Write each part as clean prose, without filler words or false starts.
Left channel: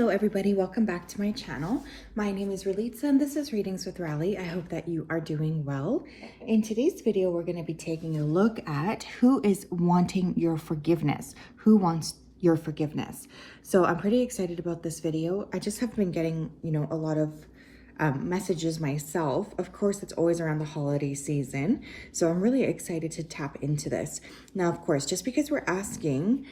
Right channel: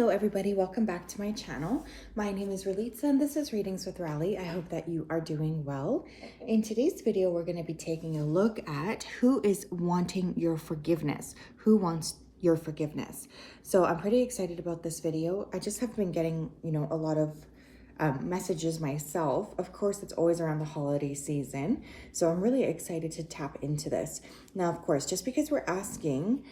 Hello everybody, welcome back to my channel. My name is Ralitza and this is Readings with Rally. I hope that you are doing well. In today's video, we're going to be taking a look at who is wanting your forgiveness. Who wants your forgiveness? So I'm pretty excited about this video. I just have been getting, a lot of messages myself. Of course, it's always around the holiday season. So I'm really excited to tap into this. Now, of course, just because we're asking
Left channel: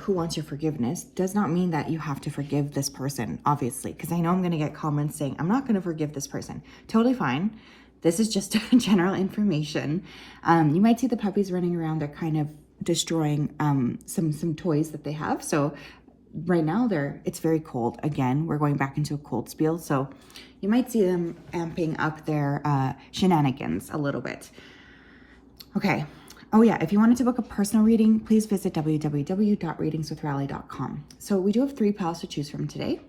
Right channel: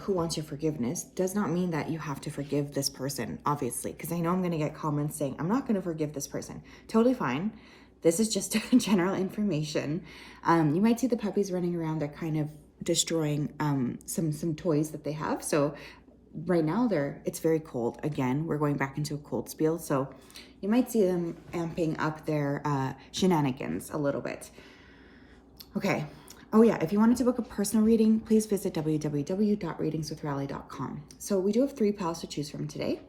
who wants your forgiveness does not mean that you have to forgive this person, obviously, because I know I'm going to get comments saying, I'm not going to forgive this person. Totally fine. This is just general information. You might see the puppies running around. They're kind of destroying some toys that they have. So right now it's very cold. Again, we're going back into a cold spell. So you might see them amping up their shenanigans a little bit. Okay. Oh yeah, if you wanted to book a personal reading, please visit www.readingswithrally.com. So we do have 3 piles to choose from today.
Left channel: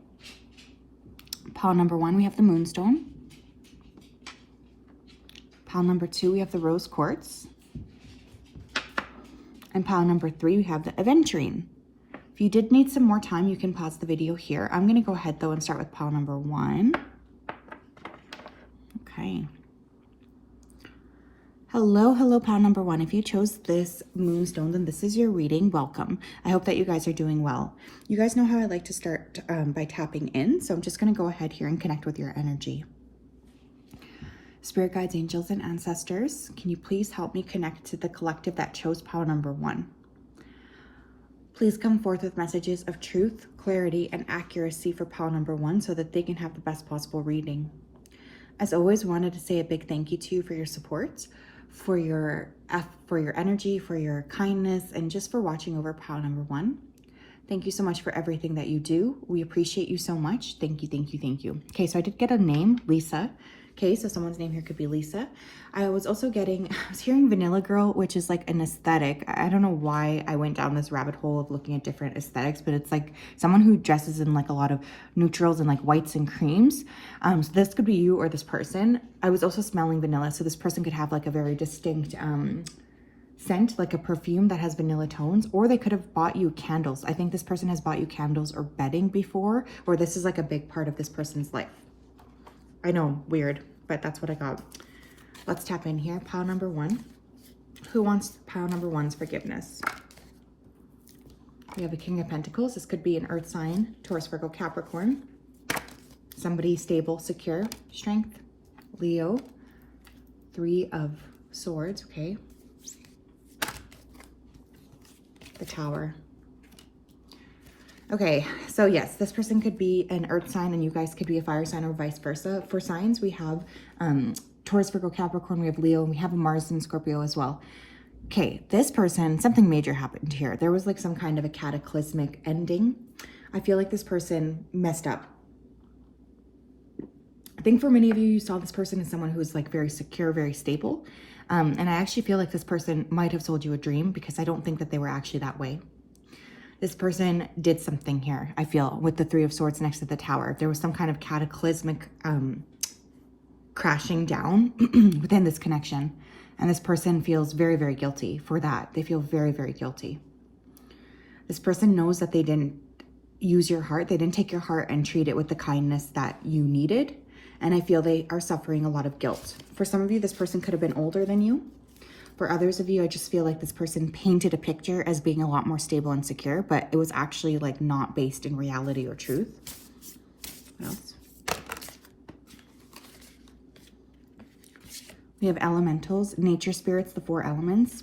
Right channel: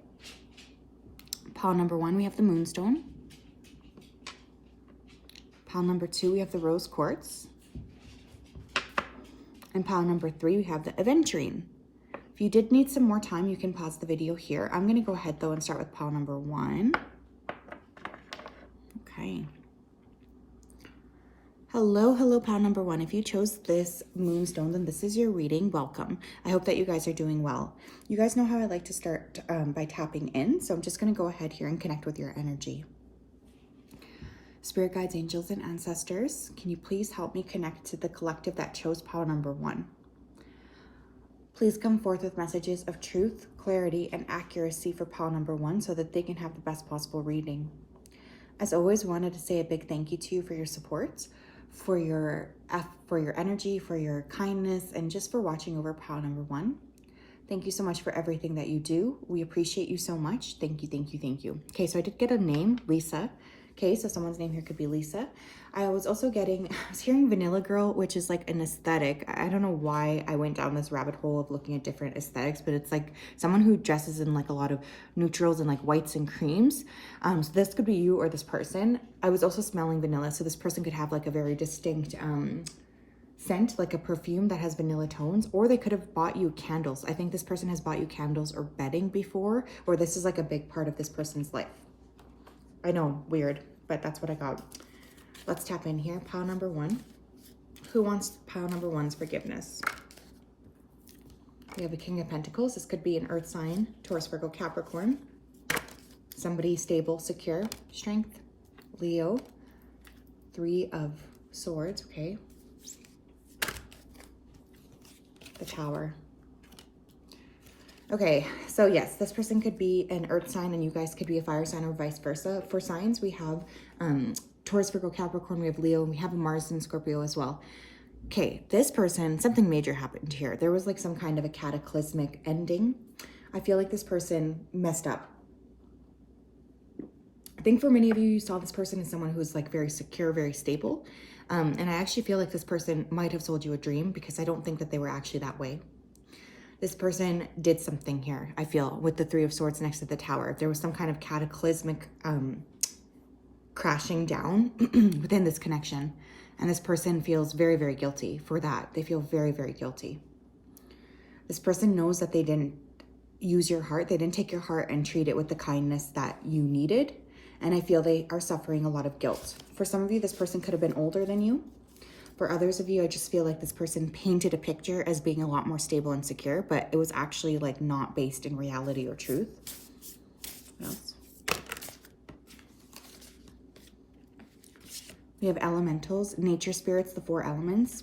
Pile number 1, we have the Moonstone. Pile number 2, we have the Rose Quartz. And pile number 3, we have the Aventurine. If you did need some more time, you can pause the video here. I'm going to go ahead though and start with pile number 1. Okay. Hello, pile number 1. If you chose this Moonstone, then this is your reading. Welcome. I hope that you guys are doing well. You guys know how I like to start by tapping in, so I'm just going to go ahead here and connect with your energy. Spirit guides, angels, and ancestors, can you please help me connect to the collective that chose pile number 1? Please come forth with messages of truth, clarity, and accuracy for pile number 1 so that they can have the best possible reading. As always, wanted to say a big thank you to you for your support, for your energy, for your kindness, and just for watching over pile number 1. Thank you so much for everything that you do. We appreciate you so much. Thank you, thank you, thank you. Okay, so I did get a name, Lisa. Okay, so someone's name here could be Lisa. I was hearing Vanilla Girl, which is like an aesthetic. I don't know why I went down this rabbit hole of looking at different aesthetics, but it's like someone who dresses in like a lot of neutrals and like whites and creams. So this could be you or this person. I was also smelling vanilla, so this person could have like a very distinct scent, like a perfume that has vanilla tones, or they could have bought you candles. I think this person has bought you candles or bedding before, or this is like a big part of this person's life. I know, weird, but that's what I got. Let's tap in here. Pile number 1. Who wants pile number 1's forgiveness? We have a King of Pentacles. This could be an earth sign, Taurus, Virgo, Capricorn. Somebody stable, secure, strength, Leo. 3 of Swords, okay. The Tower. Okay, so yes, this person could be an earth sign and you guys could be a fire sign or vice versa. For signs, we have Taurus, Virgo, Capricorn, we have Leo, and we have a Mars and Scorpio as well. Okay, this person, something major happened here. There was like some kind of a cataclysmic ending. I feel like this person messed up. I think for many of you, you saw this person as someone who's like very secure, very stable. And I actually feel like this person might have sold you a dream because I don't think that they were actually that way. This person did something here, I feel, with the 3 of Swords next to the Tower. There was some kind of cataclysmic crashing down within this connection. And this person feels very, very guilty for that. They feel very, very guilty. This person knows that they didn't use your heart. They didn't take your heart and treat it with the kindness that you needed. And I feel they are suffering a lot of guilt. For some of you, this person could have been older than you. For others of you, I just feel like this person painted a picture as being a lot more stable and secure, but it was actually like not based in reality or truth. What else? We have elementals, nature spirits, the 4 elements.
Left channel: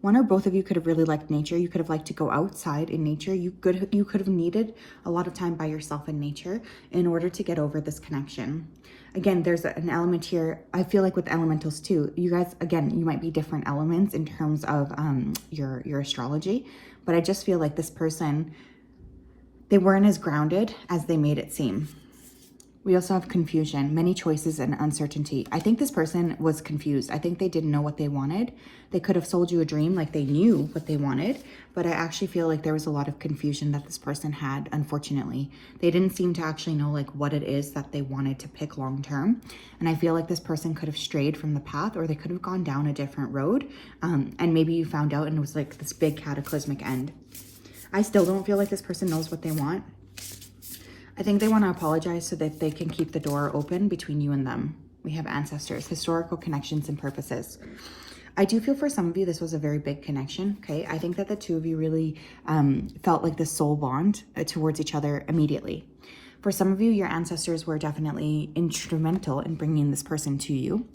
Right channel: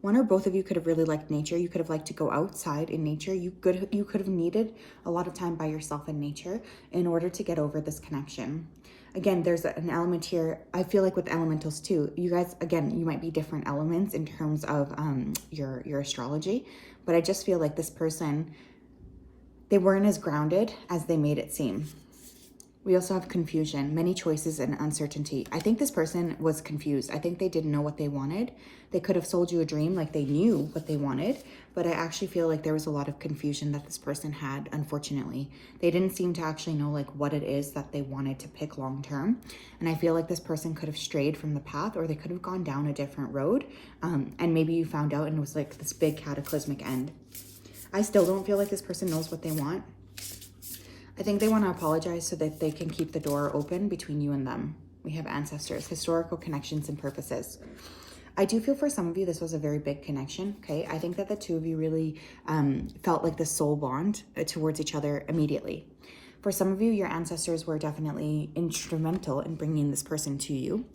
One or both of you could have really liked nature. You could have liked to go outside in nature. You could have needed a lot of time by yourself in nature in order to get over this connection. Again, there's an element here. I feel like with elementals too, you guys, again, you might be different elements in terms of your astrology, but I just feel like this person, they weren't as grounded as they made it seem. We also have confusion, many choices, and uncertainty. I think this person was confused. I think they didn't know what they wanted. They could have sold you a dream like they knew what they wanted, but I actually feel like there was a lot of confusion that this person had, unfortunately. They didn't seem to actually know like what it is that they wanted to pick long term. And I feel like this person could have strayed from the path, or they could have gone down a different road. And maybe you found out and it was like this big cataclysmic end. I still don't feel like this person knows what they want. I think they want to apologize so that they can keep the door open between you and them. We have ancestors, historical connections, and purposes. I do feel for some of you, this was a very big connection, okay? I think that the two of you really felt like the soul bond towards each other immediately. For some of you, your ancestors were definitely instrumental in bringing this person to you.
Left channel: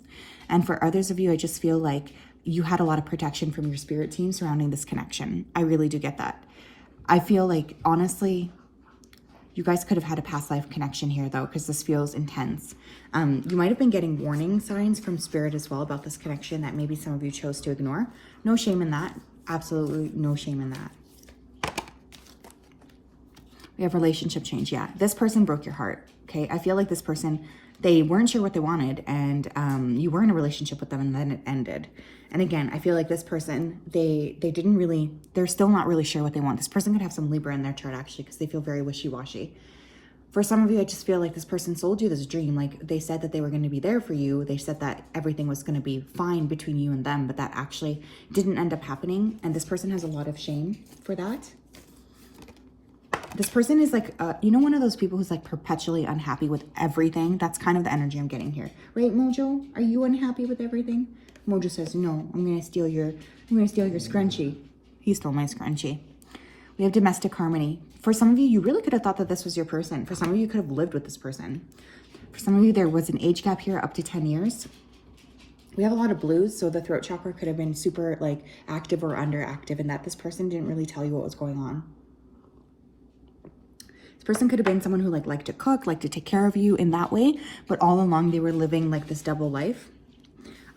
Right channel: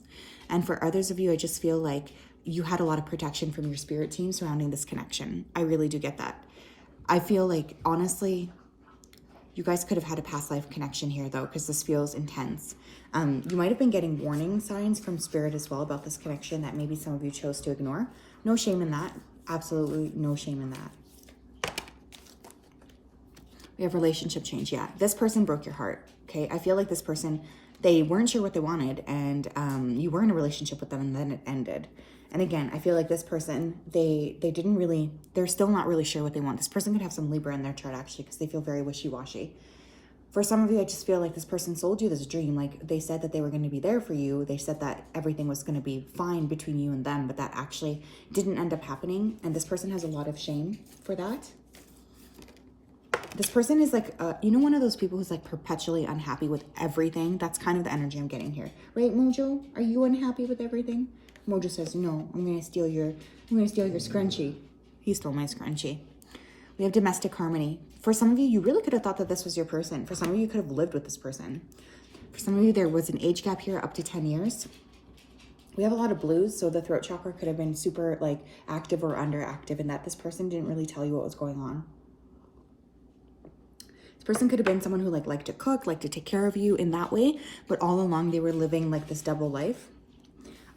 And for others of you, I just feel like you had a lot of protection from your spirit team surrounding this connection. I really do get that. I feel like, honestly, you guys could have had a past life connection here, though, because this feels intense. You might have been getting warning signs from spirit as well about this connection that maybe some of you chose to ignore. No shame in that. Absolutely no shame in that. We have relationship change. Yeah, this person broke your heart. Okay, I feel like this person, they weren't sure what they wanted, and you were in a relationship with them, and then it ended. And again, I feel like this person, they're still not really sure what they want. This person could have some Libra in their chart, actually, because they feel very wishy-washy. For some of you, I just feel like this person sold you this dream. Like, they said that they were going to be there for you. They said that everything was going to be fine between you and them, but that actually didn't end up happening. And this person has a lot of shame for that. This person is like, one of those people who's like perpetually unhappy with everything. That's kind of the energy I'm getting here. Right, Mojo? Are you unhappy with everything? Mojo says, no, I'm going to steal your scrunchie. He stole my scrunchie. We have domestic harmony. For some of you, you really could have thought that this was your person. For some of you, you could have lived with this person. For some of you, there was an age gap here up to 10 years. We have a lot of blues, so the throat chakra could have been super like active or underactive, and that this person didn't really tell you what was going on. This person could have been someone who liked to cook, liked to take care of you in that way, but all along they were living like this double life.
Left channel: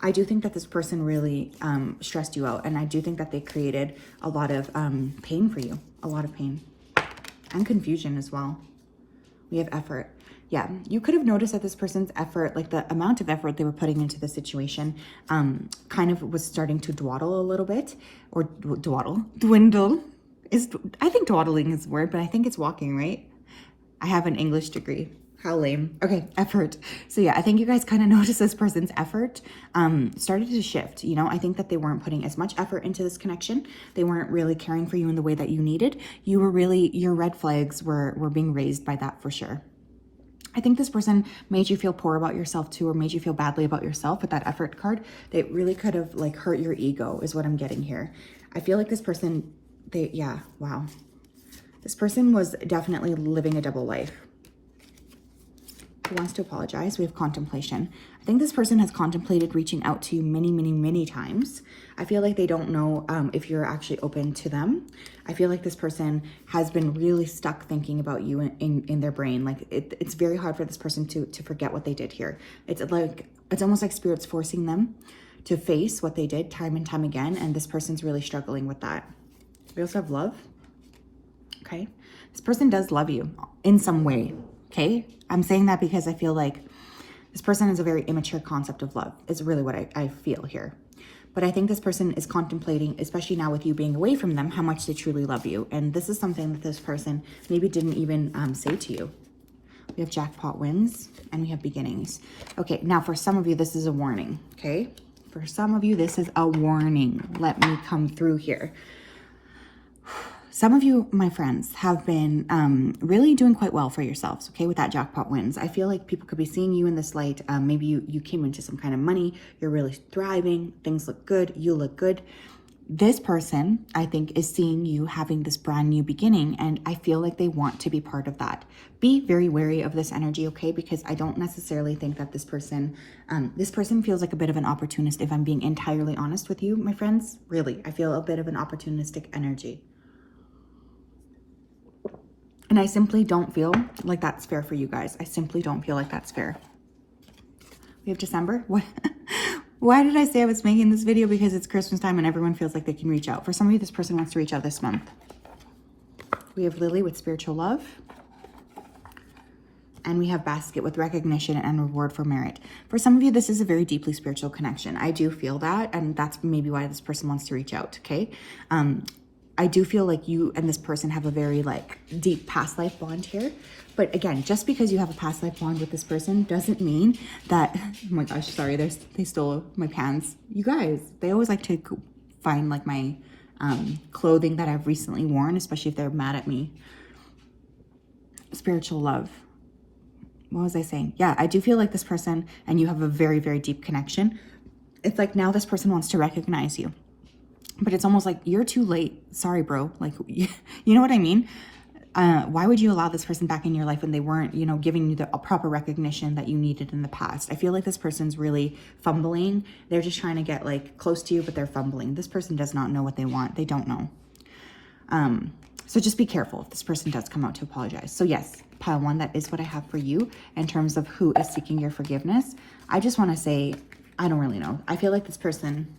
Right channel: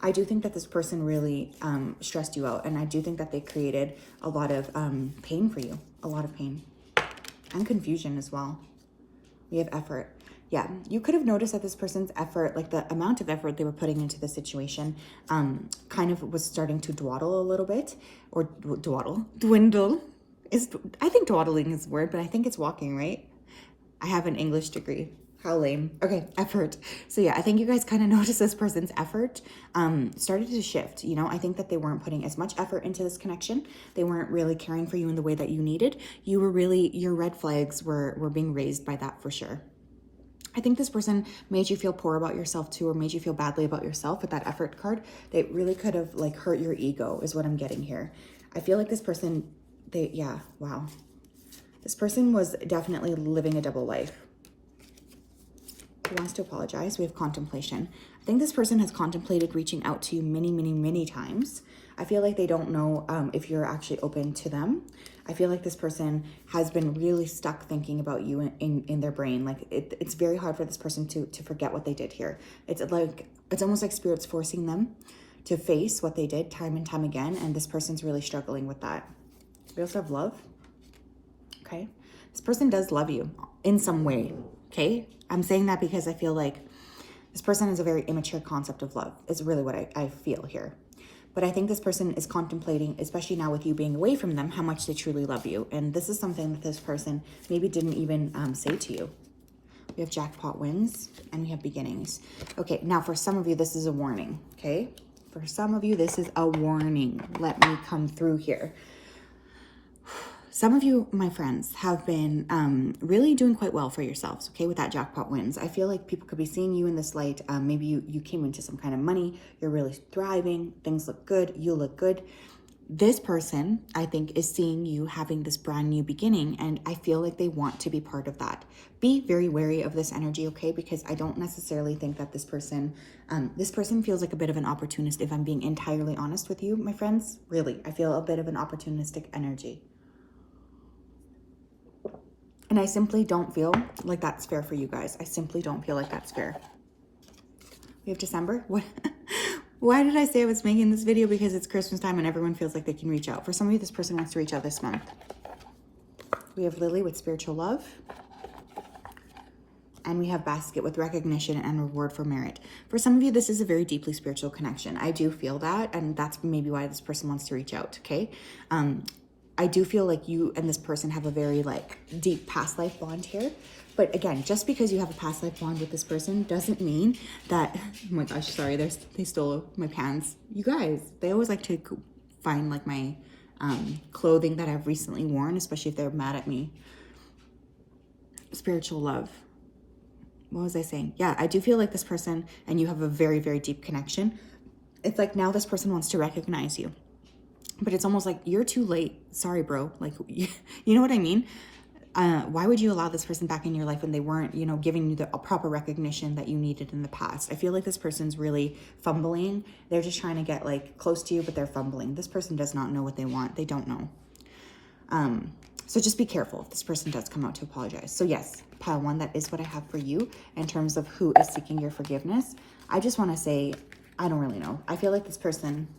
I do think that this person really stressed you out, and I do think that they created a lot of pain for you, a lot of pain and confusion as well. We have effort. Yeah, you could have noticed that this person's effort, like the amount of effort they were putting into the situation, kind of was starting to dawdle a little bit, or dwindle. I think dawdling is the word, but I think it's walking, right? I have an English degree. How lame. Okay, effort. So yeah, I think you guys kind of noticed this person's effort started to shift. I think that they weren't putting as much effort into this connection. They weren't really caring for you in the way that you needed. Your red flags were being raised by that for sure. I think this person made you feel poor about yourself too, or made you feel badly about yourself with that effort card. They really could have hurt your ego is what I'm getting here. I feel like this person, wow. This person was definitely living a double life. Who wants to apologize? We have contemplation. I think this person has contemplated reaching out to you many, many, many times. I feel like they don't know if you're actually open to them. I feel like this person has been really stuck thinking about you in their brain. Like it's very hard for this person to forget what they did here. It's almost like spirit's forcing them to face what they did time and time again. And this person's really struggling with that. We also have love. Okay. This person does love you in some way. Okay. I'm saying that because I feel like this person has a very immature concept of love is really what I feel here. But I think this person is contemplating, especially now with you being away from them, how much they truly love you. And this is something that this person maybe didn't even say to you. We have jackpot wins and we have beginnings. Okay, now for some of you, this is a warning, okay? For some of you, this is a warning. Let me come through here. Some of you, my friends, have been really doing quite well for yourselves, okay, with that jackpot wins. I feel like people could be seeing you in this light. Maybe you came into some kind of money. You're really thriving. Things look good. You look good. This person, I think, is seeing you having this brand new beginning, and I feel like they want to be part of that. Be very wary of this energy, okay, because I don't necessarily think that this person feels like a bit of an opportunist, if I'm being entirely honest with you, my friends. Really, I feel a bit of an opportunistic energy. And I simply don't feel like that's fair for you guys. I simply don't feel like that's fair. We have December. What? Why did I say I was making this video? Because it's Christmas time and everyone feels like they can reach out. For some of you, this person wants to reach out this month. We have Lily with spiritual love. And we have Basket with recognition and reward for merit. For some of you, this is a very deeply spiritual connection. I do feel that, and that's maybe why this person wants to reach out, okay? I do feel like you and this person have a very deep past life bond here. But again, just because you have a past life bond with this person doesn't mean that, oh my gosh, sorry, they stole my pants. You guys, they always like to find my clothing that I've recently worn, especially if they're mad at me. spiritual love. What was I saying? Yeah, I do feel like this person and you have a very, very deep connection. It's like now this person wants to recognize you. But it's almost like you're too late. Sorry, bro. Like, you know what I mean? Why would you allow this person back in your life when they weren't, you know, giving you the proper recognition that you needed in the past? I feel like this person's really fumbling. They're just trying to get like close to you, but they're fumbling. This person does not know what they want. They don't know. So just be careful if this person does come out to apologize. So yes, pile 1, that is what I have for you in terms of who is seeking your forgiveness. I just want to say, I don't really know. I feel like this person,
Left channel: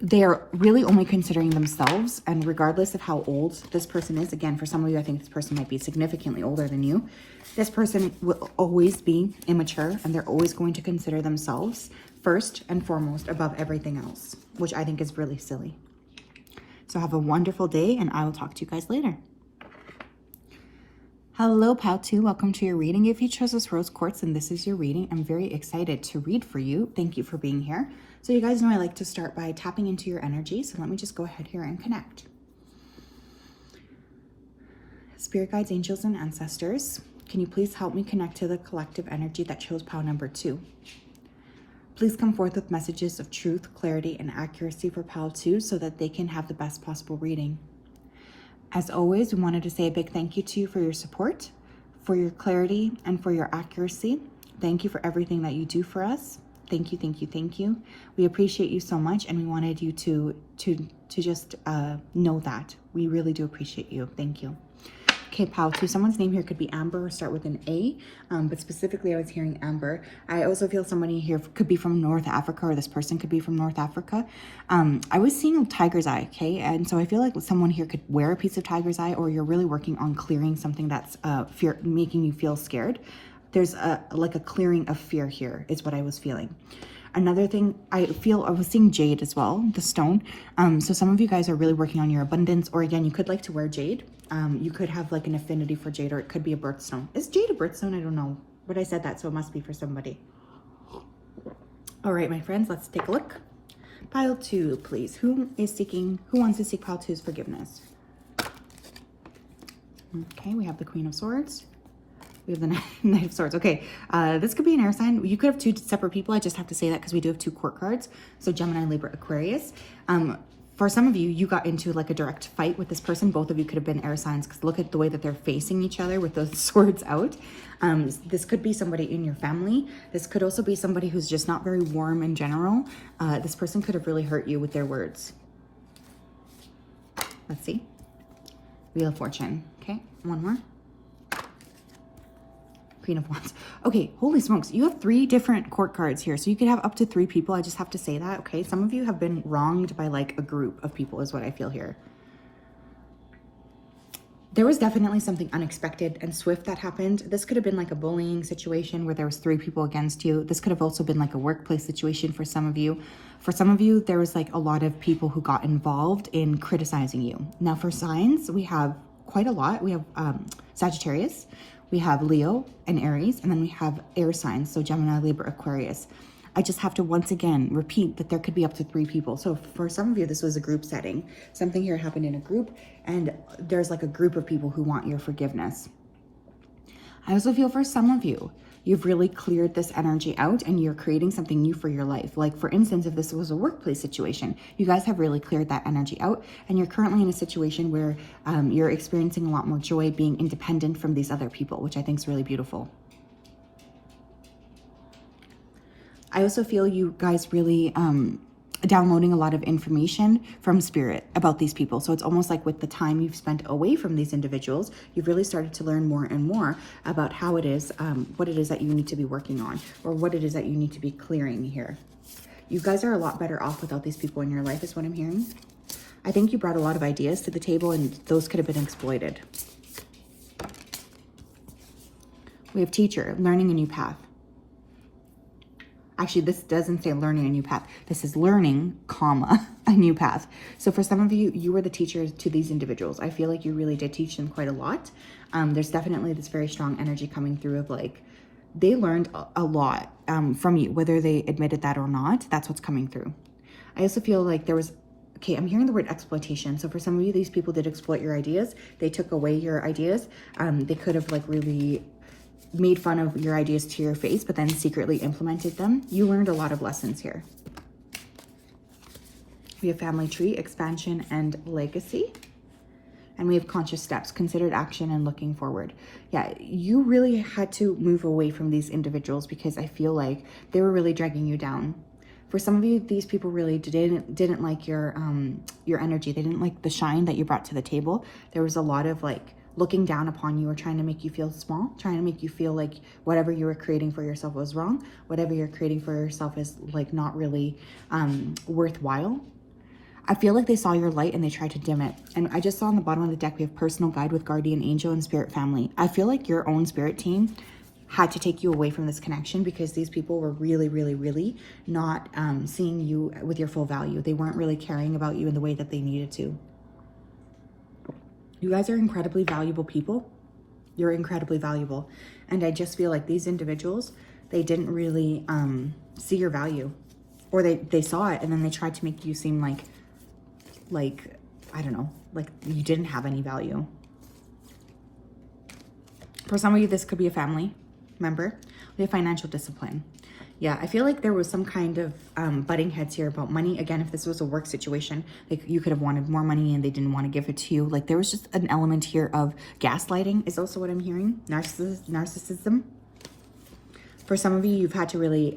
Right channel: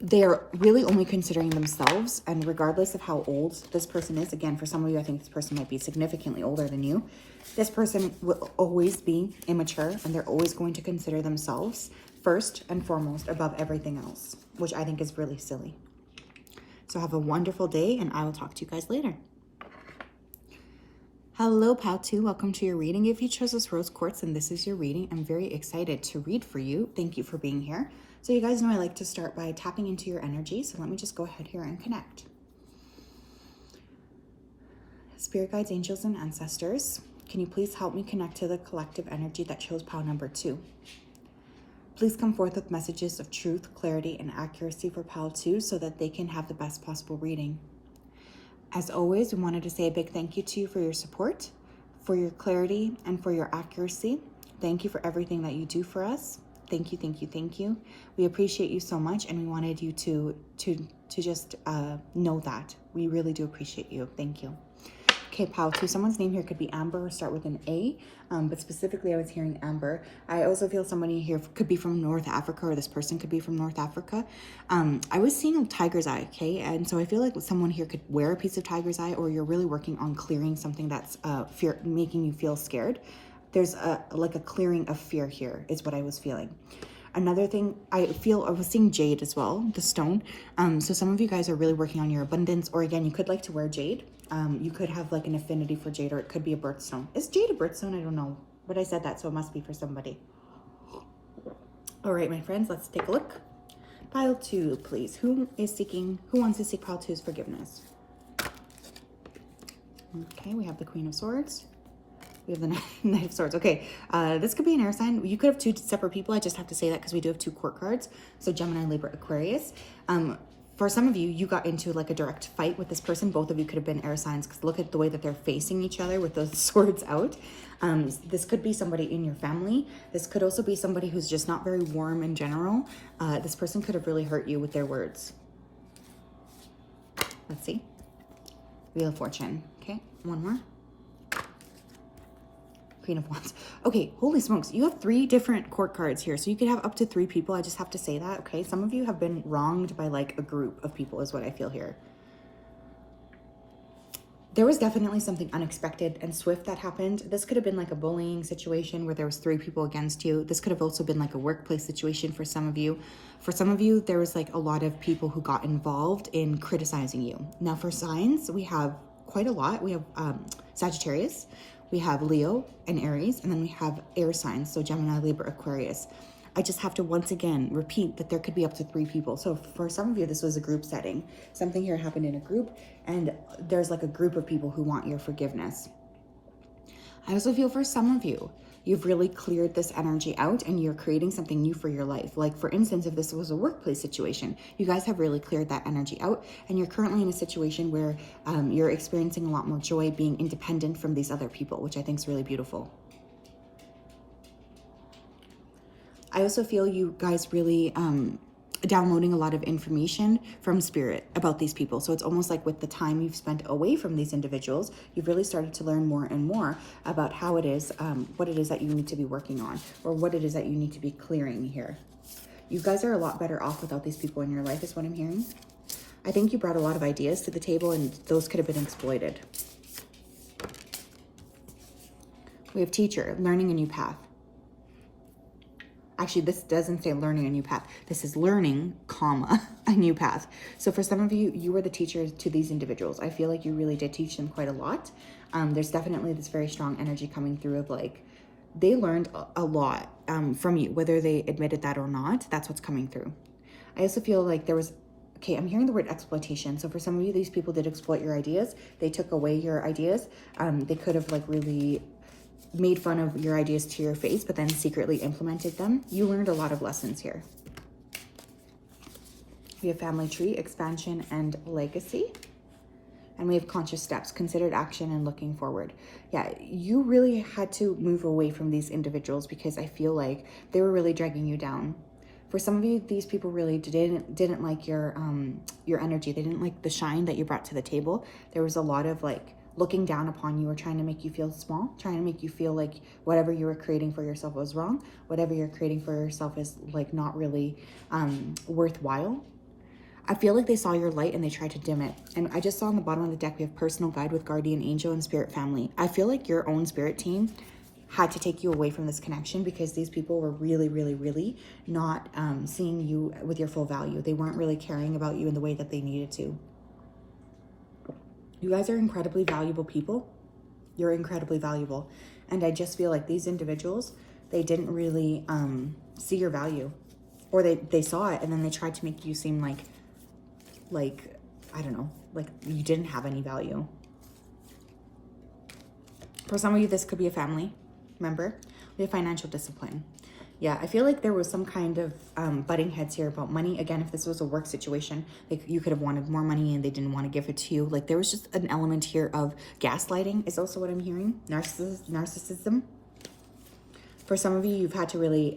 they're really only considering themselves, and regardless of how old this person is, again, for some of you, I think this person might be significantly older than you. This person will always be immature, and they're always going to consider themselves first and foremost above everything else, which I think is really silly. So have a wonderful day, and I will talk to you guys later. Hello, Pile 2. Welcome to your reading. If you chose this rose quartz and this is your reading, I'm very excited to read for you. Thank you for being here. So you guys know I like to start by tapping into your energy. So let me just go ahead here and connect. Spirit guides, angels, and ancestors, can you please help me connect to the collective energy that chose pile number 2? Please come forth with messages of truth, clarity, and accuracy for pile 2 so that they can have the best possible reading. As always, we wanted to say a big thank you to you for your support, for your clarity, and for your accuracy. Thank you for everything that you do for us. Thank you, thank you, thank you. We appreciate you so much, and we wanted you to just know that. We really do appreciate you. Thank you. Okay, pile 2. Someone's name here could be Amber or start with an A, but specifically I was hearing Amber. I also feel somebody here could be from North Africa, or this person could be from North Africa. I was seeing a tiger's eye, okay? And so I feel like someone here could wear a piece of tiger's eye, or you're really working on clearing something that's making you feel scared. There's like a clearing of fear here is what I was feeling. Another thing, I was seeing jade as well, the stone. So some of you guys are really working on your abundance, or again, you could like to wear jade. You could have like an affinity for jade, or it could be a birthstone. Is jade a birthstone? I don't know, but I said that, so it must be for somebody. All right, my friends, let's take a look. Pile 2, please. Who wants to seek pile 2's forgiveness? Okay, we have the Queen of Swords. We have the Knight of Swords. Okay, this could be an air sign. You could have 2 separate people. I just have to say that because we do have 2 court cards. So Gemini, Libra, Aquarius. For some of you, you got into like a direct fight with this person. Both of you could have been air signs because look at the way that they're facing each other with those swords out. This could be somebody in your family. This could also be somebody who's just not very warm in general. This person could have really hurt you with their words. Let's see. Wheel of Fortune. Okay, one more. Queen of Wands. Okay, holy smokes. You have 3 different court cards here. So you could have up to 3 people. I just have to say that, okay? Some of you have been wronged by like a group of people is what I feel here. There was definitely something unexpected and swift that happened. This could have been like a bullying situation where there was 3 people against you. This could have also been like a workplace situation for some of you. For some of you, there was like a lot of people who got involved in criticizing you. Now for signs, we have quite a lot. We have Sagittarius, we have Leo and Aries, and then we have air signs, so Gemini, Libra, Aquarius. I just have to once again repeat that there could be up to 3 people. So for some of you, this was a group setting. Something here happened in a group, and there's like a group of people who want your forgiveness. I also feel for some of you, you've really cleared this energy out and you're creating something new for your life. Like for instance, if this was a workplace situation, you guys have really cleared that energy out and you're currently in a situation where you're experiencing a lot more joy being independent from these other people, which I think is really beautiful. I also feel you guys really downloading a lot of information from spirit about these people. So it's almost like with the time you've spent away from these individuals, you've really started to learn more and more about how it is, what it is that you need to be working on, or what it is that you need to be clearing here. You guys are a lot better off without these people in your life is what I'm hearing. I think you brought a lot of ideas to the table and those could have been exploited. We have teacher, learning a new path. Actually, this doesn't say learning a new path. This is learning, comma, a new path. So for some of you, you were the teacher to these individuals. I feel like you really did teach them quite a lot. There's definitely this very strong energy coming through of like, they learned a lot from you, whether they admitted that or not. That's what's coming through. I also feel like there was okay, I'm hearing the word exploitation. So for some of you, these people did exploit your ideas. They took away your ideas. They could have like really made fun of your ideas to your face, but then secretly implemented them. You learned a lot of lessons here. We have family tree, expansion, and legacy. And we have conscious steps, considered action, and looking forward. Yeah, you really had to move away from these individuals because I feel like they were really dragging you down. For some of you, these people really didn't like your energy. They didn't like the shine that you brought to the table. There was a lot of like looking down upon you or trying to make you feel small, trying to make you feel like whatever you were creating for yourself was wrong. Whatever you're creating for yourself is like not really worthwhile. I feel like they saw your light and they tried to dim it. And I just saw on the bottom of the deck, we have personal guide with guardian angel and spirit family. I feel like your own spirit team had to take you away from this connection because these people were really, really, really not seeing you with your full value. They weren't really caring about you in the way that they needed to. You guys are incredibly valuable people. You're incredibly valuable. And I just feel like these individuals, they didn't really see your value. Or they saw it and then they tried to make you seem like, I don't know, like you didn't have any value. For some of you, this could be a family member. We have financial discipline. Yeah, I feel like there was some kind of butting heads here about money. Again, if this was a work situation, like you could have wanted more money and they didn't want to give it to you. Like there was just an element here of gaslighting is also what I'm hearing. Narcissism. For some of you, you've had to really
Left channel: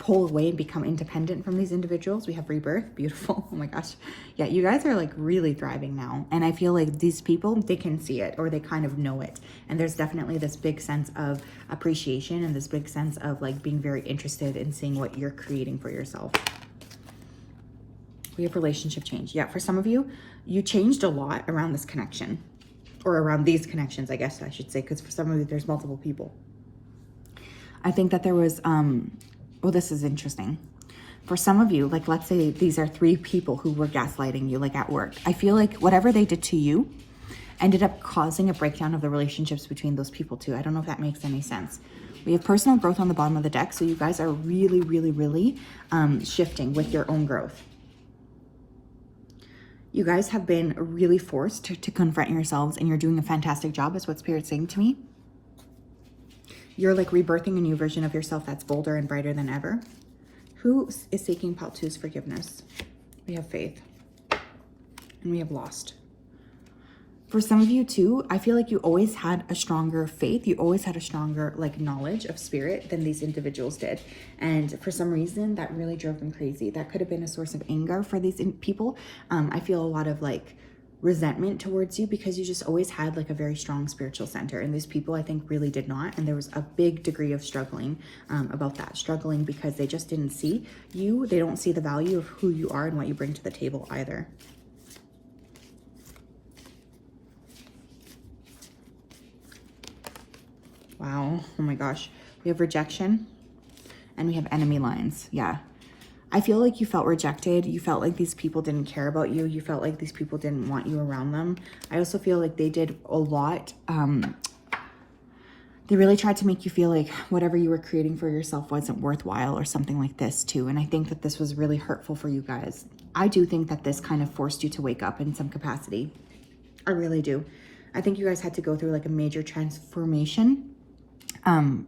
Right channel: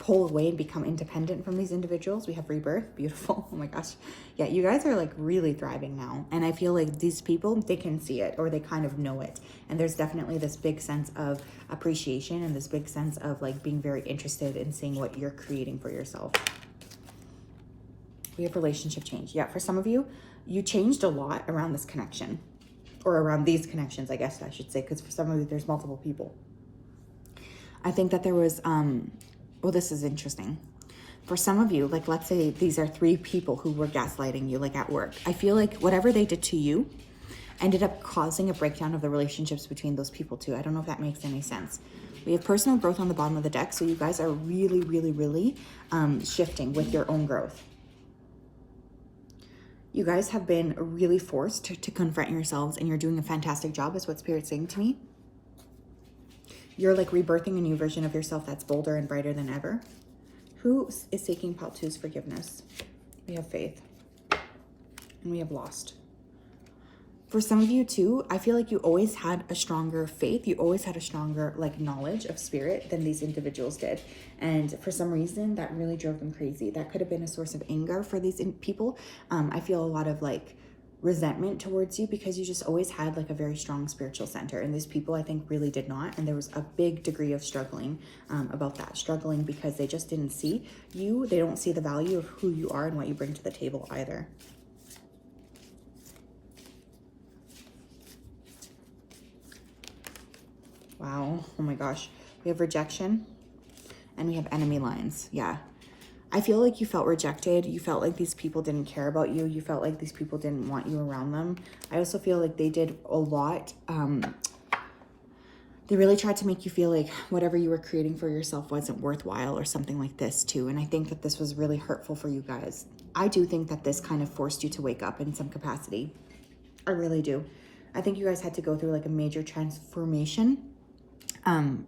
pull away and become independent from these individuals. We have rebirth. Beautiful. Oh my gosh. Yeah, you guys are like really thriving now. And I feel like these people, they can see it or they kind of know it. And there's definitely this big sense of appreciation and this big sense of like being very interested in seeing what you're creating for yourself. We have relationship change. Yeah, for some of you, you changed a lot around this connection or around these connections, I guess I should say, because for some of you, there's multiple people. I think that there was, oh, this is interesting. For some of you, like let's say these are 3 people who were gaslighting you like at work. I feel like whatever they did to you ended up causing a breakdown of the relationships between those people too. I don't know if that makes any sense. We have personal growth on the bottom of the deck. So you guys are really, really, really shifting with your own growth. You guys have been really forced to confront yourselves and you're doing a fantastic job is what Spirit's saying to me. You're like rebirthing a new version of yourself that's bolder and brighter than ever. Who is seeking Paltu's forgiveness? We have faith. And we have lost. For some of you too, I feel like you always had a stronger faith. You always had a stronger like knowledge of spirit than these individuals did. And for some reason, that really drove them crazy. That could have been a source of anger for these people. I feel a lot of like resentment towards you because you just always had like a very strong spiritual center, and these people I think really did not, and there was a big degree of struggling about that, struggling because they just didn't see you. They don't see the value of who you are and what you bring to the table either. Wow, oh my gosh. We have rejection and we have enemy lines. Yeah, I feel like you felt rejected. You felt like these people didn't care about you. You felt like these people didn't want you around them. I also feel like they did a lot. They really tried to make you feel like whatever you were creating for yourself wasn't worthwhile or something like this too. And I think that this was really hurtful for you guys. I do think that this kind of forced you to wake up in some capacity. I really do. I think you guys had to go through like a major transformation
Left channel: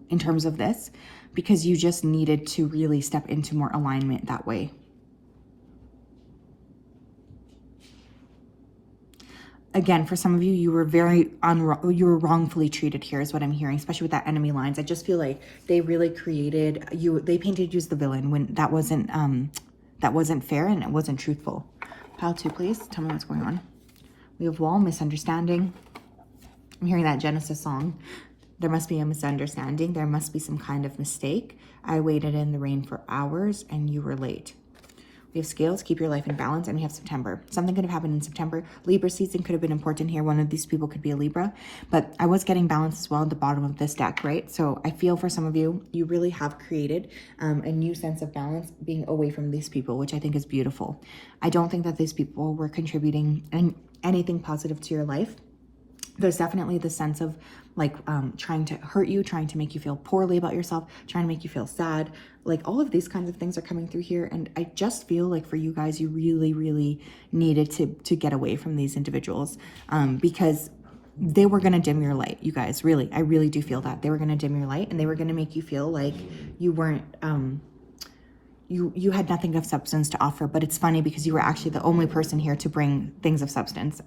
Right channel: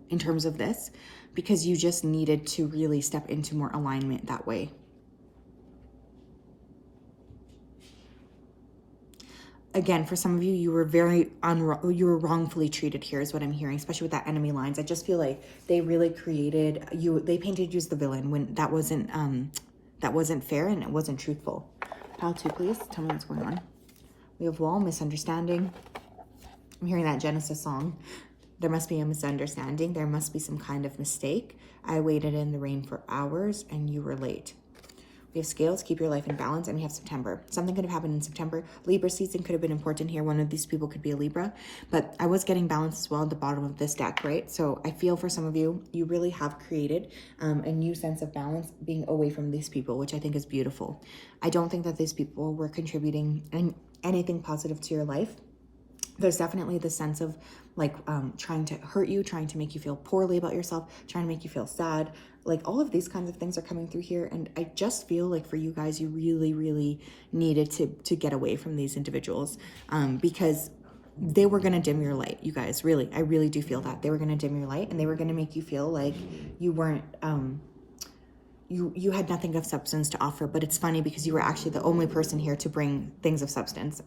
in terms of this, because you just needed to really step into more alignment that way. Again, for some of you, you were you were wrongfully treated here is what I'm hearing, especially with that enemy lines. I just feel like they really created you. They painted you as the villain when that wasn't fair and it wasn't truthful. Pile 2, please. Tell me what's going on. We have wall, misunderstanding. I'm hearing that Genesis song. There must be a misunderstanding. There must be some kind of mistake. I waited in the rain for hours and you were late. We have scales, keep your life in balance, and we have September. Something could have happened in September. Libra season could have been important here. One of these people could be a Libra, but I was getting balance as well at the bottom of this deck, right? So I feel for some of you, you really have created a new sense of balance being away from these people, which I think is beautiful. I don't think that these people were contributing anything positive to your life. There's definitely the sense of trying to hurt you, trying to make you feel poorly about yourself, trying to make you feel sad. Like all of these kinds of things are coming through here. And I just feel like for you guys, you really, really needed to get away from these individuals because they were going to dim your light, you guys. Really, I really do feel that. They were going to dim your light and they were going to make you feel like you weren't, you had nothing of substance to offer. But it's funny because you were actually the only person here to bring things of substance.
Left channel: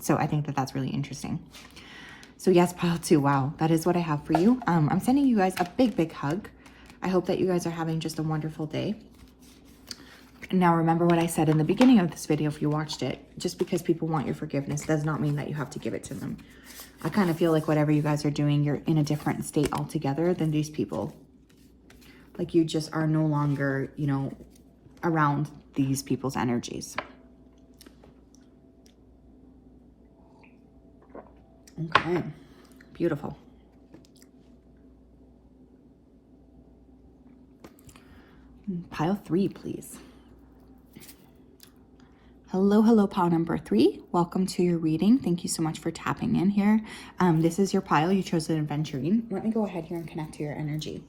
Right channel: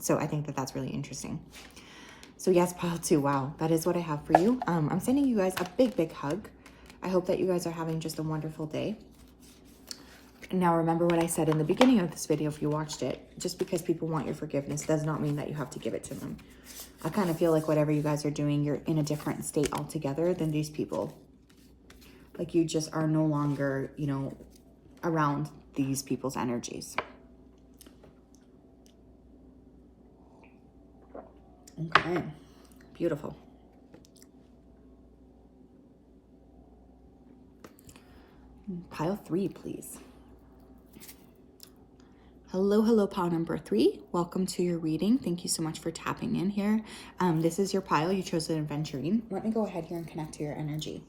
So I think that that's really interesting. So yes, pile 2, wow, that is what I have for you. I'm sending you guys a big, big hug. I hope that you guys are having just a wonderful day. Now, remember what I said in the beginning of this video, if you watched it, just because people want your forgiveness does not mean that you have to give it to them. I kind of feel like whatever you guys are doing, you're in a different state altogether than these people. Like you just are no longer, you know, around these people's energies. Okay, beautiful. Pile 3, please. Hello, pile number 3. Welcome to your reading. Thank you so much for tapping in here. This is your pile. You chose an adventuring. Let me go ahead here and connect to your energy.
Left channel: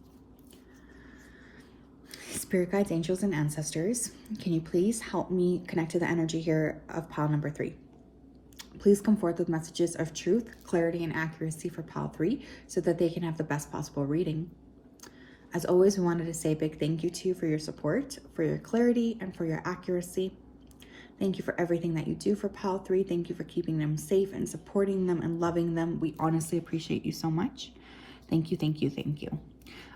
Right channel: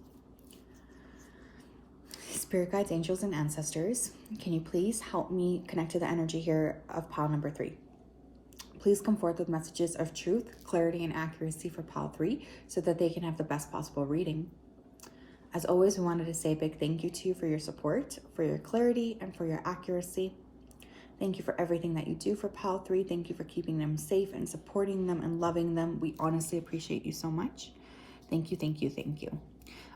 Spirit guides, angels, and ancestors, can you please help me connect to the energy here of pile number 3? Please come forth with messages of truth, clarity, and accuracy for pile 3 so that they can have the best possible reading. As always, we wanted to say a big thank you to you for your support, for your clarity, and for your accuracy. Thank you for everything that you do for pile 3. Thank you for keeping them safe and supporting them and loving them. We honestly appreciate you so much. Thank you, thank you, thank you.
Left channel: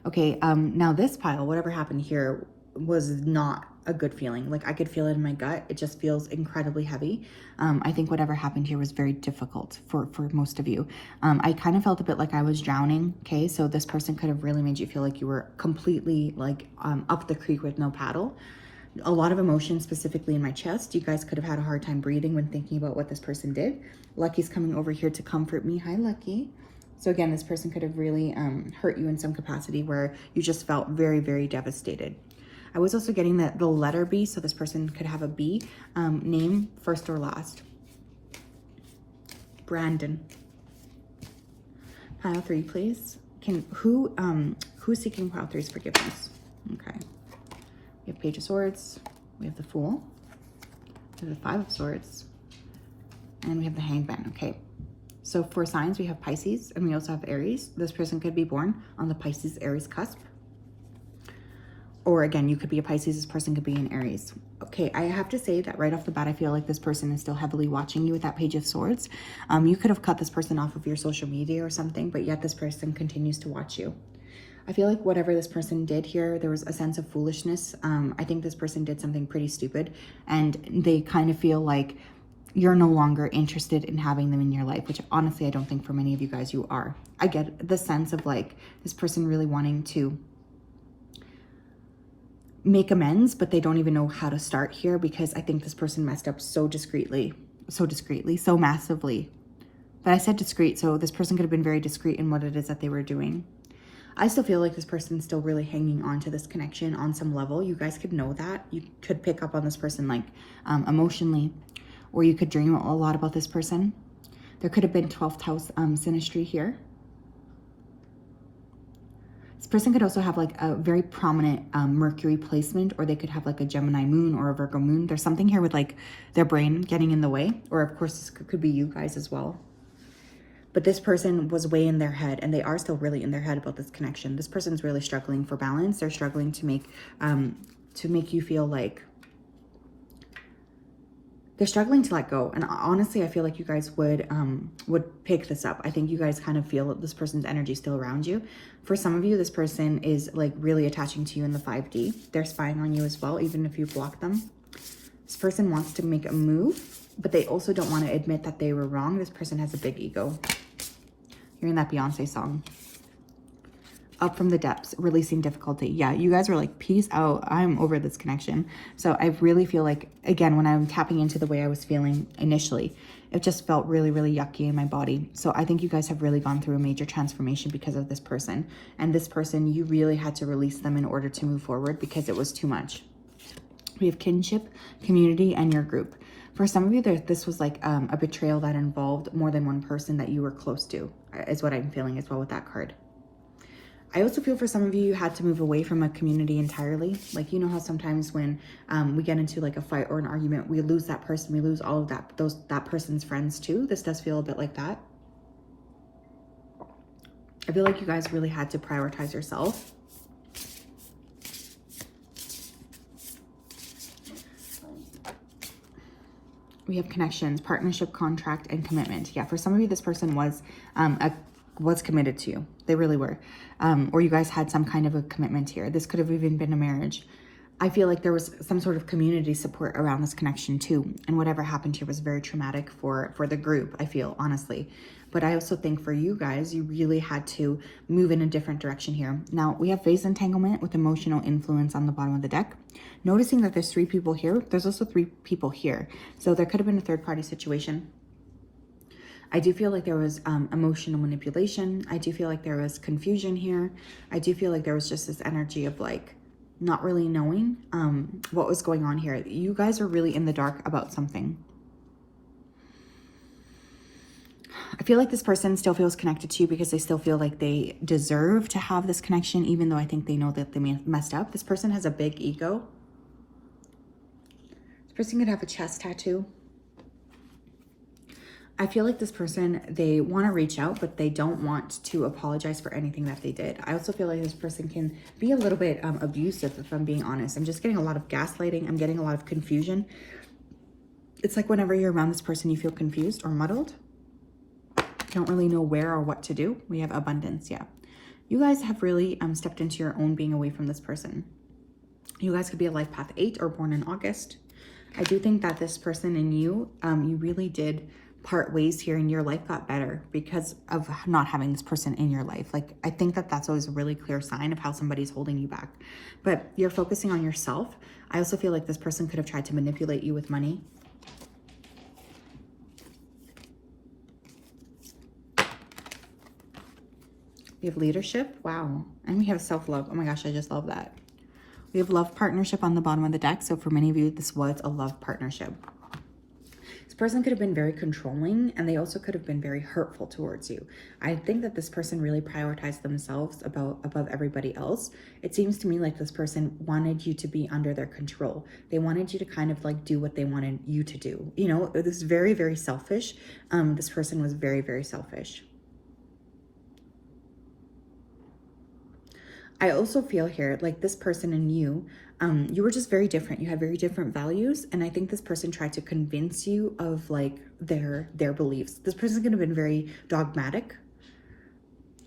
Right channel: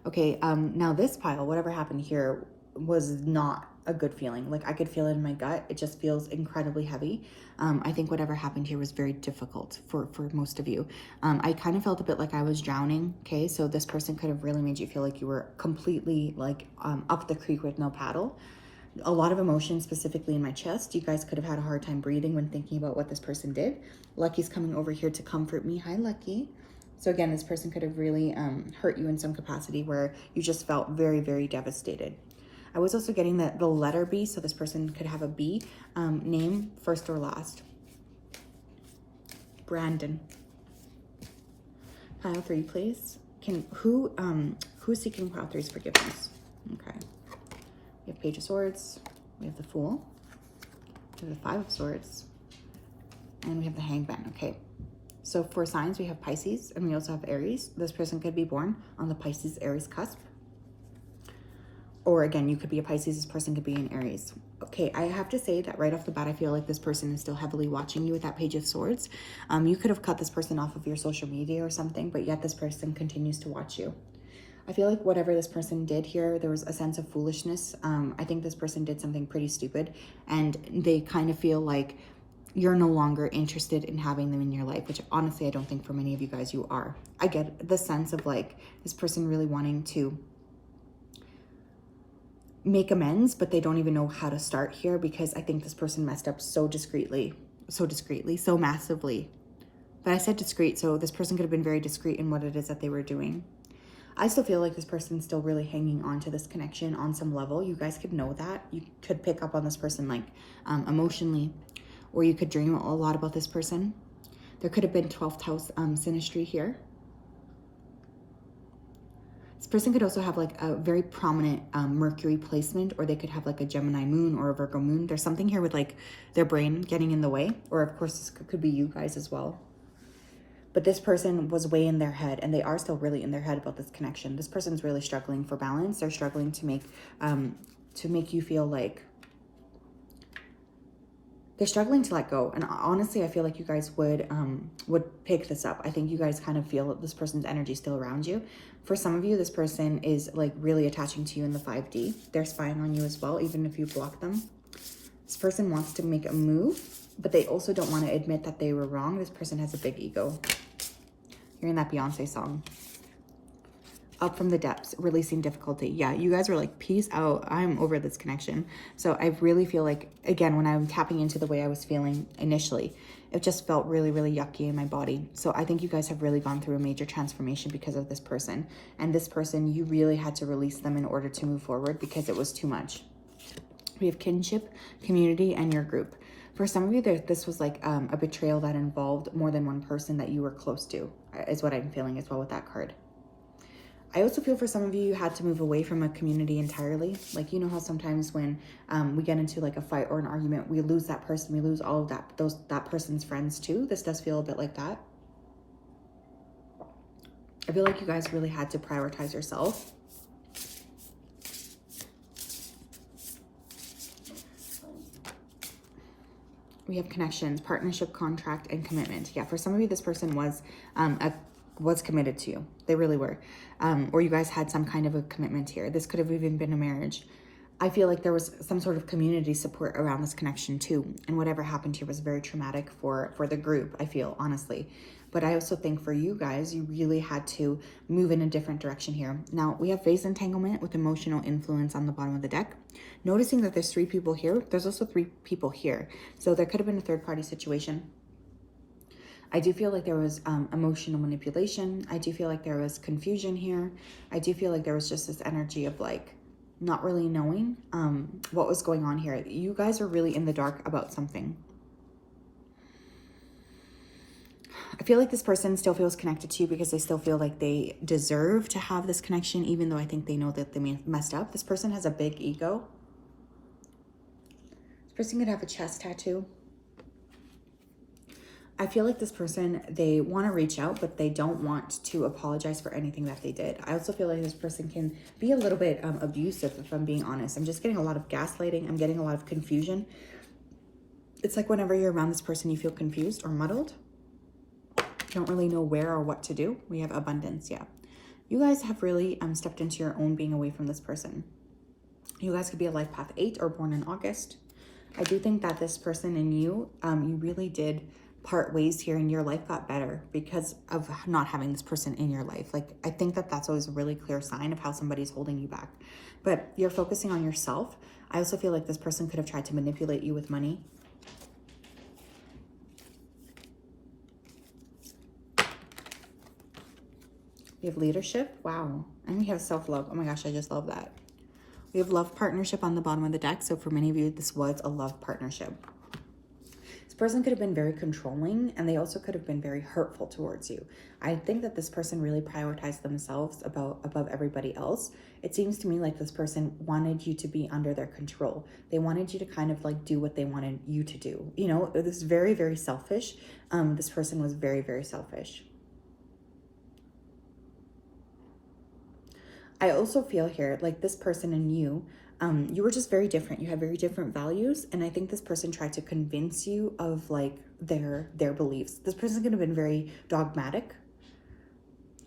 Okay, now this pile, whatever happened here was not a good feeling. Like I could feel it in my gut. It just feels incredibly heavy. I think whatever happened here was very difficult for most of you. I kind of felt a bit like I was drowning. Okay, so this person could have really made you feel like you were completely like up the creek with no paddle. A lot of emotion, specifically in my chest. You guys could have had a hard time breathing when thinking about what this person did. Lucky's coming over here to comfort me. Hi, Lucky. So again, this person could have really hurt you in some capacity where you just felt very, very devastated. I was also getting the letter B, so this person could have a B. Name, first or last. Brandon. Pile 3, please. Who's seeking pile 3's forgiveness? Okay. We have Page of Swords. We have the Fool. We have the 5 of Swords. And we have the Hangman. Okay. So for signs, we have Pisces, and we also have Aries. This person could be born on the Pisces-Aries cusp. Or again, you could be a Pisces, this person could be an Aries. Okay, I have to say that right off the bat, I feel like this person is still heavily watching you with that Page of Swords. You could have cut this person off of your social media or something, but yet this person continues to watch you. I feel like whatever this person did here, there was a sense of foolishness. I think this person did something pretty stupid, and they kind of feel like you're no longer interested in having them in your life, which honestly, I don't think for many of you guys you are. I get the sense of like this person really wanting to make amends, but they don't even know how to start here because I think this person messed up so discreetly, so massively. But I said discreet, so this person could have been very discreet in what it is that they were doing. I still feel like this person's still really hanging on to this connection on some level. You guys could know that. You could pick up on this person like emotionally, or you could dream a lot about this person. There could have been 12th house synastry here. This person could also have like a very prominent Mercury placement, or they could have like a Gemini moon or a Virgo moon. There's something here with like their brain getting in the way, or of course this could be you guys as well. But this person was way in their head, and they are still really in their head about this connection. This person's really struggling for balance. They're struggling to make you feel like they're struggling to let go. And honestly, I feel like you guys would pick this up. I think you guys kind of feel this person's energy still around you. For some of you, this person is like really attaching to you in the 5D. They're spying on you as well, even if you block them. This person wants to make a move, but they also don't want to admit that they were wrong. This person has a big ego. Hearing that Beyonce song. Up from the depths, releasing difficulty. Yeah, you guys were like, peace out. I'm over this connection. So I really feel like, again, when I'm tapping into the way I was feeling initially, it just felt really, really yucky in my body. So I think you guys have really gone through a major transformation because of this person. And this person, you really had to release them in order to move forward because it was too much. We have kinship, community, and your group. For some of you, this was like a betrayal that involved more than one person that you were close to. is what I'm feeling as well with that card. I also feel for some of you had to move away from a community entirely. Like, you know how sometimes when we get into like a fight or an argument, we lose that person, we lose all of that person's friends too. This does feel a bit like that. I feel like you guys really had to prioritize yourself. We have connections, partnership, contract, and commitment. Yeah, for some of you, this person was committed to you. They really were. Or you guys had some kind of a commitment here. This could have even been a marriage. I feel like there was some sort of community support around this connection too. And whatever happened here was very traumatic for the group, I feel, honestly. But I also think for you guys, you really had to move in a different direction here. Now, we have phase entanglement with emotional influence on the bottom of the deck. Noticing that there's 3 people here, there's also 3 people here. So there could have been a third-party situation. I do feel like there was emotional manipulation. I do feel like there was confusion here. I do feel like there was just this energy of like not really knowing what was going on here. You guys are really in the dark about something. I feel like this person still feels connected to you because they still feel like they deserve to have this connection, even though I think they know that they messed up. This person has a big ego. This person could have a chest tattoo. I feel like this person, they want to reach out, but they don't want to apologize for anything that they did. I also feel like this person can be a little bit abusive, if I'm being honest. I'm just getting a lot of gaslighting. I'm getting a lot of confusion. It's like whenever you're around this person, you feel confused or muddled. Don't really know where or what to do. We have abundance, yeah. You guys have really stepped into your own being away from this person. You guys could be a life path 8 or born in August. I do think that this person and you, you really did part ways here and your life got better because of not having this person in your life. Like, I think that that's always a really clear sign of how somebody's holding you back. But you're focusing on yourself. I also feel like this person could have tried to manipulate you with money. We have leadership. Wow. And we have self-love. Oh my gosh, I just love that. We have love partnership on the bottom of the deck. So for many of you, this was a love partnership. This person could have been very controlling, and they also could have been very hurtful towards you. I think that this person really prioritized themselves above everybody else. It seems to me like this person wanted you to be under their control. They wanted you to kind of like do what they wanted you to do. You know, this is very, very selfish. This person was very, very selfish. I also feel here like this person and you, you were just very different. You have very different values. And I think this person tried to convince you of like their beliefs. This person's going to have been very dogmatic.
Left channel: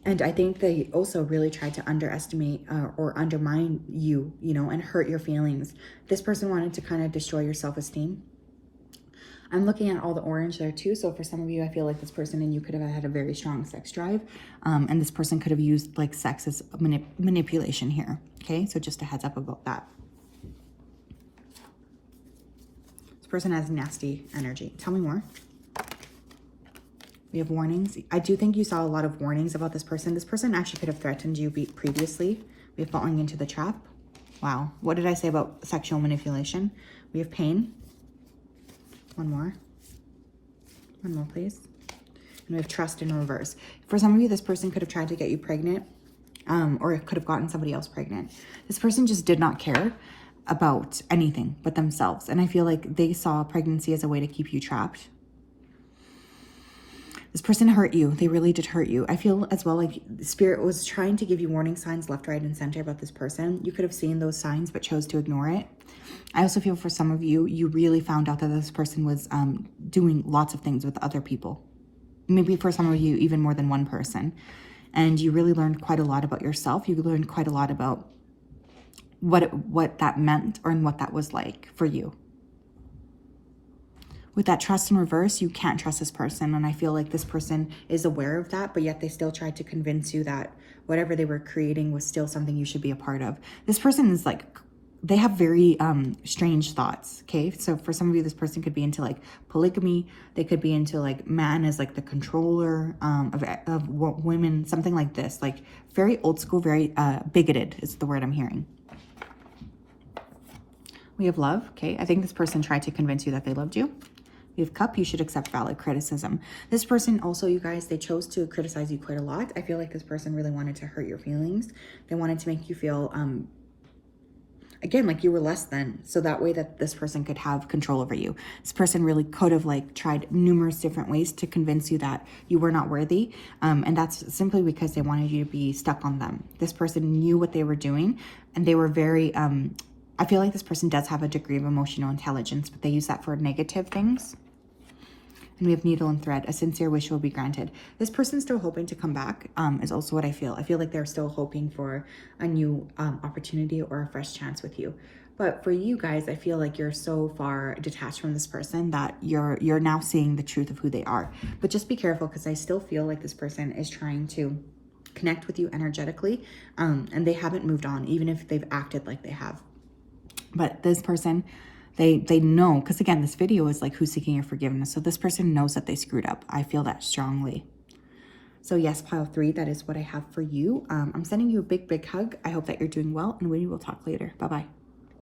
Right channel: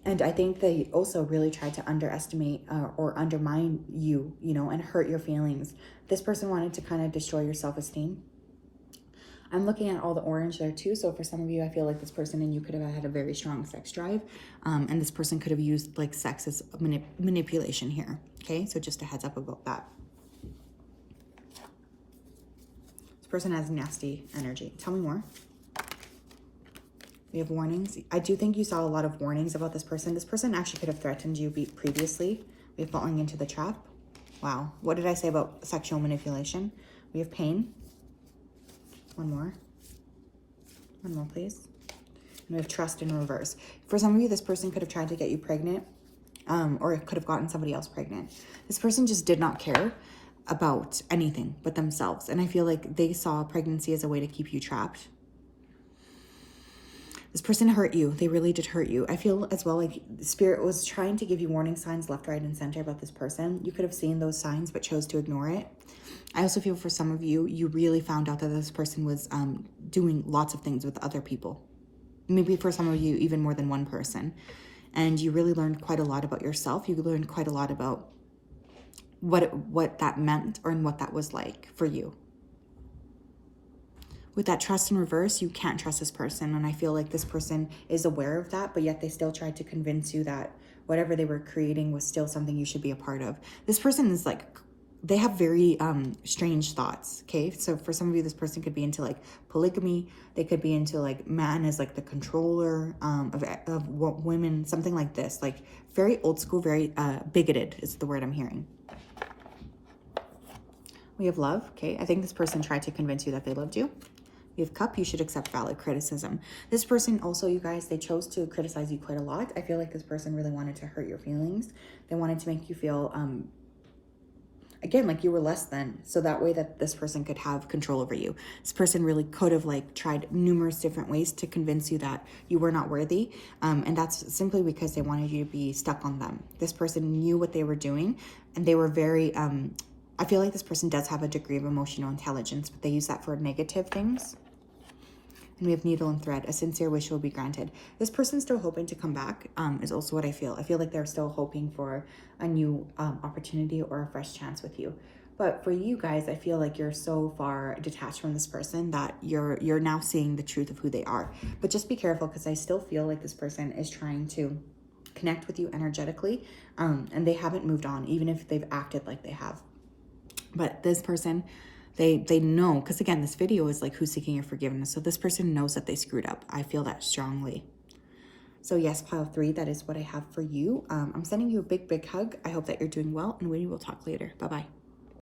And I think they also really tried to underestimate or undermine you, you know, and hurt your feelings. This person wanted to kind of destroy your self-esteem. I'm looking at all the orange there too. So for some of you, I feel like this person and you could have had a very strong sex drive. And this person could have used like sex as manipulation here. Okay, so just a heads up about that. This person has nasty energy. Tell me more. We have warnings. I do think you saw a lot of warnings about this person. This person actually could have threatened you previously. We have falling into the trap. Wow. What did I say about sexual manipulation? We have pain. One more. One more, please. And we have trust in reverse. For some of you, this person could have tried to get you pregnant, or it could have gotten somebody else pregnant. This person just did not care about anything but themselves. And I feel like they saw pregnancy as a way to keep you trapped. This person hurt you. They really did hurt you. I feel as well like Spirit was trying to give you warning signs left, right, and center about this person. You could have seen those signs, but chose to ignore it. I also feel for some of you, you really found out that this person was doing lots of things with other people. Maybe for some of you, even more than one person. And you really learned quite a lot about yourself. You learned quite a lot about what that meant or what that was like for you. With that trust in reverse, you can't trust this person. And I feel like this person is aware of that, but yet they still tried to convince you that whatever they were creating was still something you should be a part of. This person is like, they have very strange thoughts, okay? So for some of you, this person could be into like polygamy. They could be into like man as like the controller of women, something like this. Like very old school, very bigoted is the word I'm hearing. We have love, okay? I think this person tried to convince you that they loved you. We have Cup, you should accept valid criticism. This person also, you guys, they chose to criticize you quite a lot. I feel like this person really wanted to hurt your feelings. They wanted to make you feel, again, like you were less than, so that way that this person could have control over you. This person really could have like tried numerous different ways to convince you that you were not worthy, and that's simply because they wanted you to be stuck on them. This person knew what they were doing, and they were very, I feel like this person does have a degree of emotional intelligence, but they use that for negative things. And we have Needle and Thread. A sincere wish will be granted. This person's still hoping to come back, is also what I feel. I feel like they're still hoping for a new opportunity or a fresh chance with you. But for you guys, I feel like you're so far detached from this person that you're now seeing the truth of who they are. But just be careful, because I still feel like this person is trying to connect with you energetically, and they haven't moved on, even if they've acted like they have. But this person, they know, because again, this video is like who's seeking your forgiveness. So this person knows that they screwed up. I feel that strongly. So yes, pile 3, that is what I have for you. I'm sending you a big, big hug. I hope that you're doing well, and we will talk later. Bye-bye.